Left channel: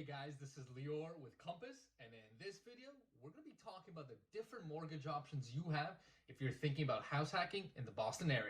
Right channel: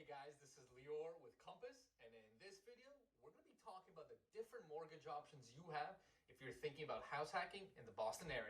Hey guys, this is Lior with Compass, and in this video, we're going to be talking about the different mortgage options you have if you're thinking about house hacking in the Boston area.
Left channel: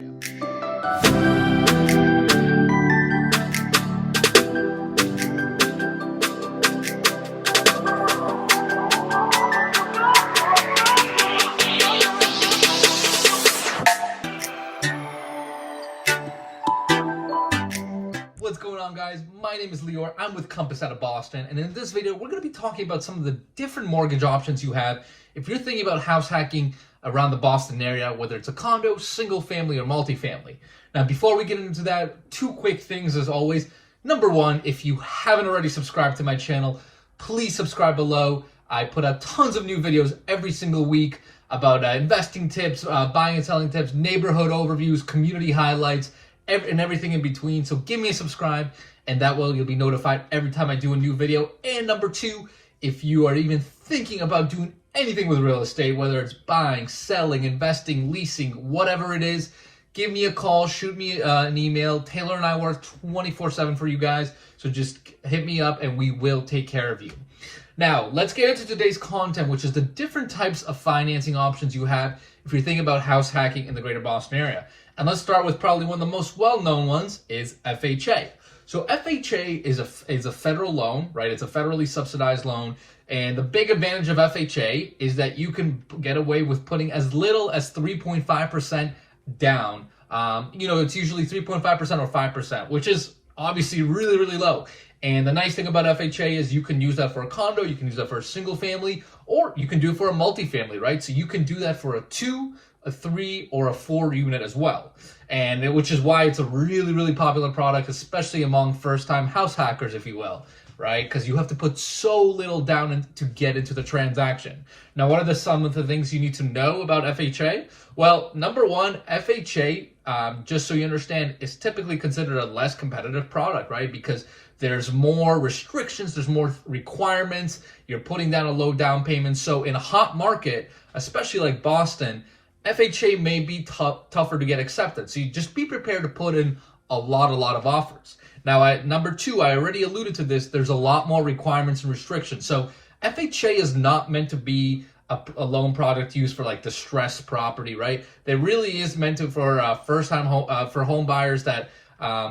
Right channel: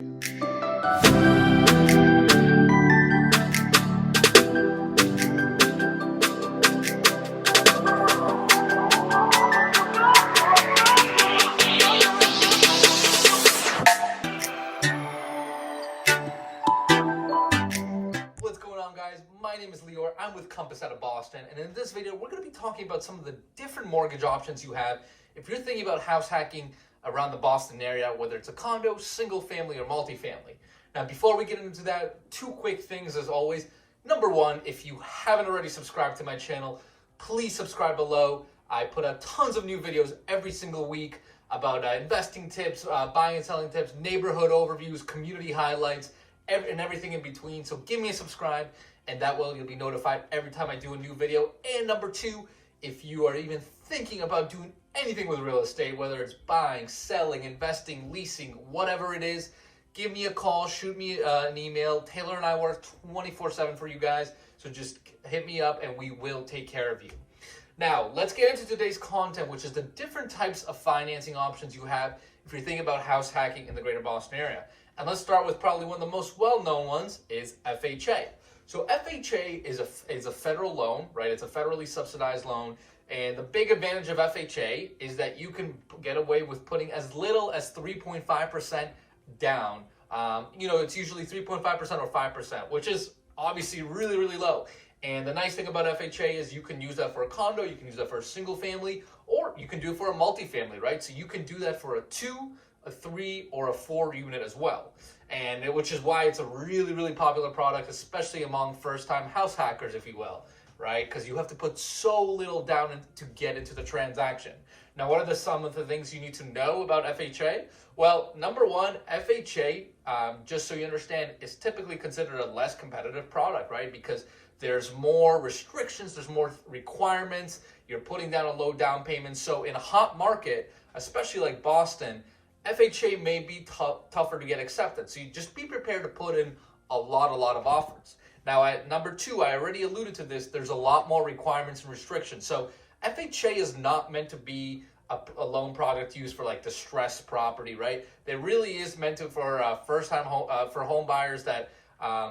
What's going on, guys? My name is Lior. I'm with Compass out of Boston, and in this video, we're going to be talking about some of the different mortgage options you have if you're thinking about house hacking around the Boston area, whether it's a condo, single family, or multifamily. Now, before we get into that, two quick things as always. Number one, if you haven't already subscribed to my channel, please subscribe below. I put out tons of new videos every single week about investing tips, buying and selling tips, neighborhood overviews, community highlights, and everything in between. So give me a subscribe, and that way you'll be notified every time I do a new video. And number two, if you are even thinking about doing anything with real estate, whether it's buying, selling, investing, leasing, whatever it is, give me a call, shoot me an email. Taylor and I work 24/7 for you guys, so just hit me up and we will take care of you. Now, let's get into today's content, which is the different types of financing options you have if you're thinking about house hacking in the greater Boston area. And let's start with probably one of the most well-known ones is FHA. So FHA is a federal loan, right? It's a federally subsidized loan. And the big advantage of FHA is that you can get away with putting as little as 3.5% down. It's usually 3.5% or 5%, which is obviously really, really low. And the nice thing about FHA is you can use that for a condo, you can use that for a single family, or you can do it for a multifamily, right? So you can do that for a 2, a 3, or a 4 unit as well. And which is why it's a really, really popular product, especially among first-time house hackers, if you will, right? Because you have to put so little down to get into the transaction. Now, what are some of the things you need to know about FHA? Well, number one, FHA, just so you understand, is typically considered a less competitive product, right? Because there's more restrictions, there's more requirements, you're putting down a low down payment. So in a hot market, especially like Boston, FHA may be tougher to get accepted. So you just be prepared to put in a lot of offers. Now, at number two, I already alluded to this, there's a lot more requirements and restrictions. So FHA is not meant to be a loan product used for like distressed property, right? It really is meant to for first-time home buyers that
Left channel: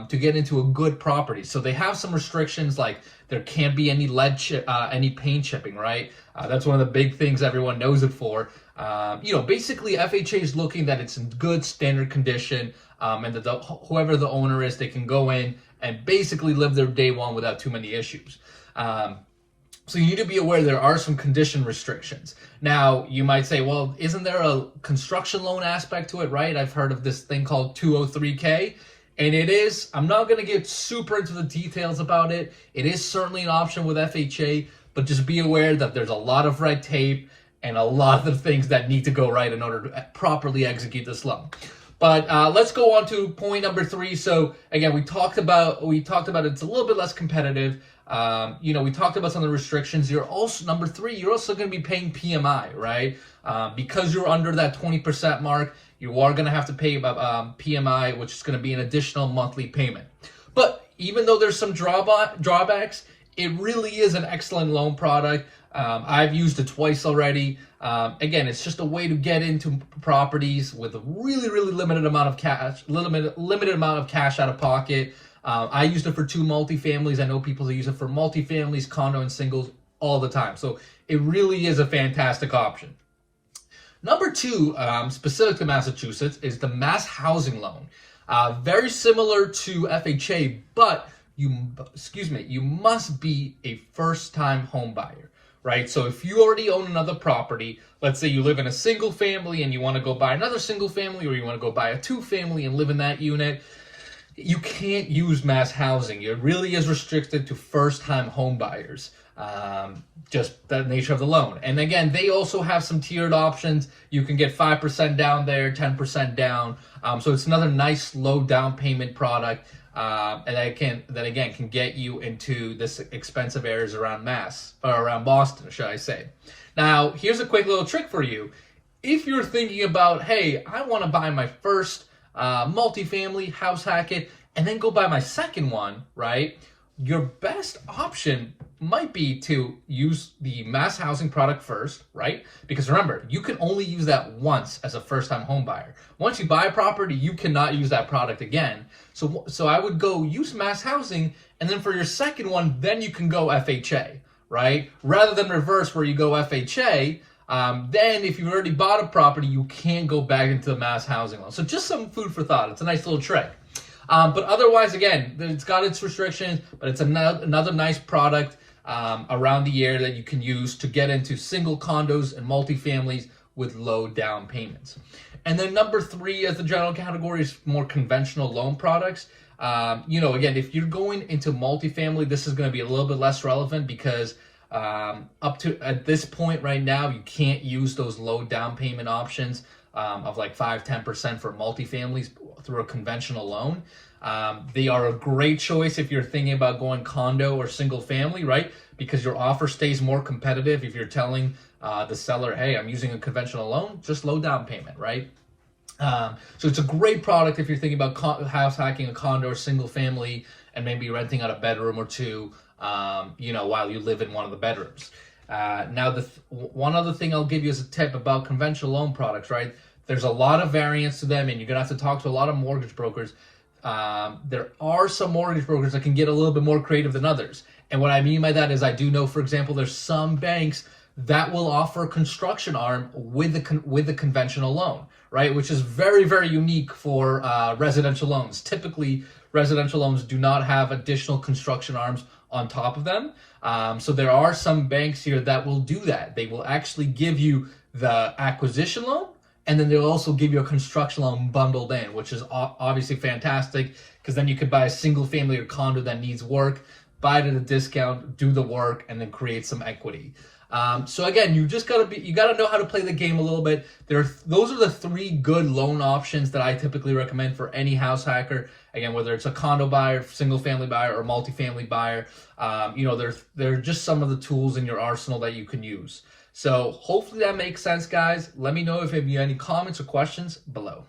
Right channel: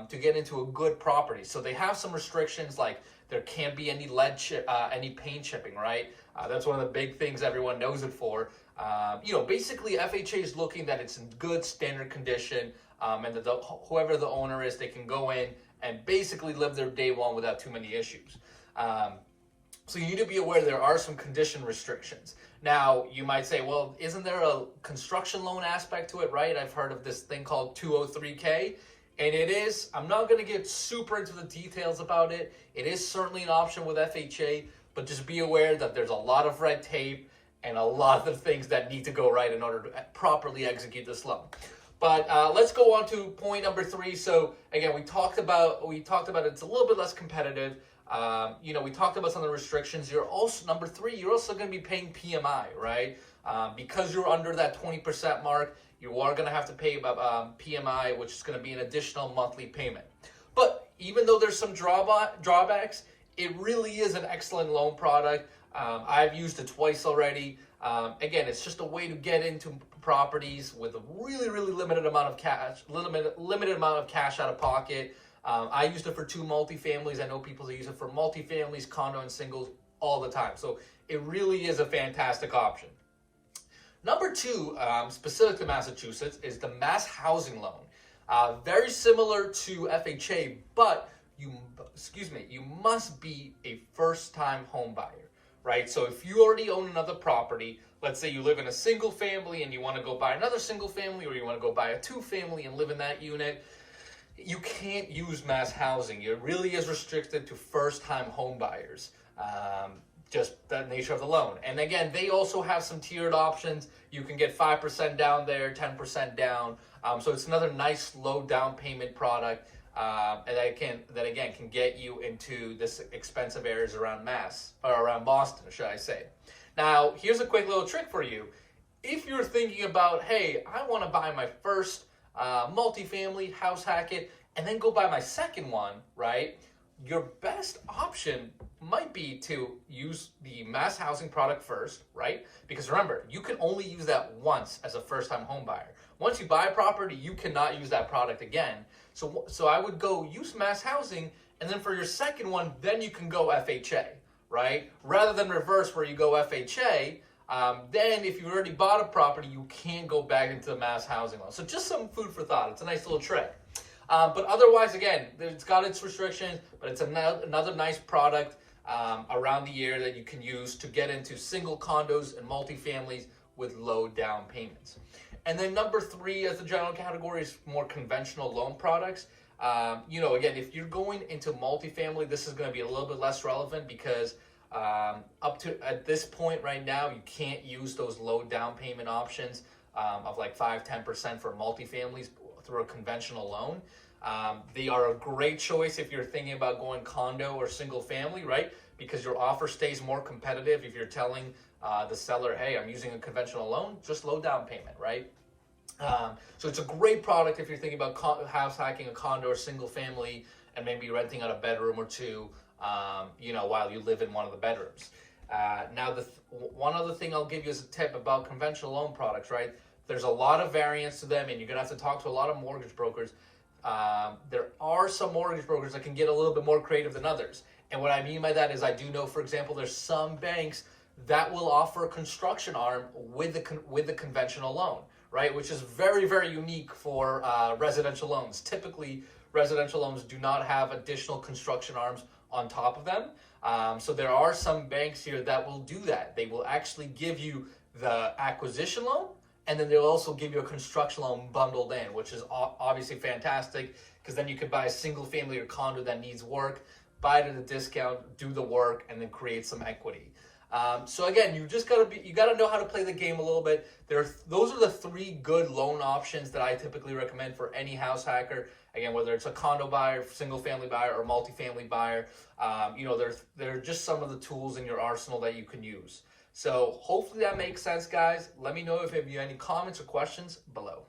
to get into a good property. So they have some restrictions, like there can't be any any paint chipping, right? That's one of the big things everyone knows it for. Basically FHA is looking that it's in good standard condition, and that whoever the owner is, they can go in and basically live their day one without too many issues. So you need to be aware there are some condition restrictions. Now, you might say, well, isn't there a construction loan aspect to it, right? I've heard of this thing called 203K. And it is, I'm not going to get super into the details about it. It is certainly an option with FHA, but just be aware that there's a lot of red tape and a lot of things that need to go right in order to properly execute this loan. But let's go on to point number 3. So again, we talked about it's a little bit less competitive. We talked about some of the restrictions. You're also, number 3, you're also going to be paying PMI, right? Because you're under that 20% mark, you are going to have to pay PMI, which is going to be an additional monthly payment. But even though there's some drawbacks, it really is an excellent loan product. I've used it twice already. Again, it's just a way to get into properties with a really, really limited amount of cash out of pocket. I used it for 2 multifamilies. I know people that use it for multifamilies, condo, and singles all the time. So it really is a fantastic option. Number 2, specific to Massachusetts, is the Mass Housing Loan. Very similar to FHA, but you must be a first-time home buyer, right? So if you already own another property, let's say you live in a single family and you want to go buy another single family, or you want to go buy a 2-family and live in that unit, you can't use mass housing. It really is restricted to first-time home buyers. Just the nature of the loan. And again, they also have some tiered options. You can get 5% down there, 10% down. So it's another nice low down payment product. And that again can get you into this expensive areas around around Boston, should I say. Now, here's a quick little trick for you. If you're thinking about, hey, I want to buy my first multifamily, house hack it, and then go buy my second one, right? Your best option might be to use the mass housing product first, right? Because remember, you can only use that once as a first-time home buyer. Once you buy a property, you cannot use that product again. So I would go use mass housing, and then for your second one, then you can go FHA, right? Rather than reverse where you go FHA, then if you've already bought a property, you can't go back into the mass housing loan. So just some food for thought. It's a nice little trick. But otherwise, again, it's got its restrictions, but it's another nice product around the year that you can use to get into single condos and multifamilies with low down payments. And then number 3 as the general category is more conventional loan products. Again, if you're going into multifamily, this is going to be a little bit less relevant because up to at this point right now, you can't use those low down payment options of like 5-10% for multifamilies through a conventional loan. They are a great choice if you're thinking about going condo or single family, right? Because your offer stays more competitive if you're telling the seller, hey, I'm using a conventional loan, just low down payment, right? So it's a great product if you're thinking about house hacking a condo or single family and maybe renting out a bedroom or two, while you live in one of the bedrooms. Now, one other thing I'll give you as a tip about conventional loan products, right? There's a lot of variance to them, and you're gonna have to talk to a lot of mortgage brokers. There are some mortgage brokers that can get a little bit more creative than others. And what I mean by that is I do know, for example, there's some banks that will offer a construction arm with the conventional loan, right? Which is very, very unique for residential loans. Typically, residential loans do not have additional construction arms on top of them. So there are some banks here that will do that. They will actually give you the acquisition loan, and then they'll also give you a construction loan bundled in, which is obviously fantastic because then you could buy a single family or condo that needs work, buy it at a discount, do the work, and then create some equity. So again, you gotta know how to play the game a little bit. Those are the 3 good loan options that I typically recommend for any house hacker. Again, whether it's a condo buyer, single family buyer, or multifamily buyer, they're just some of the tools in your arsenal that you can use. So hopefully that makes sense, guys. Let me know if you have any comments or questions below.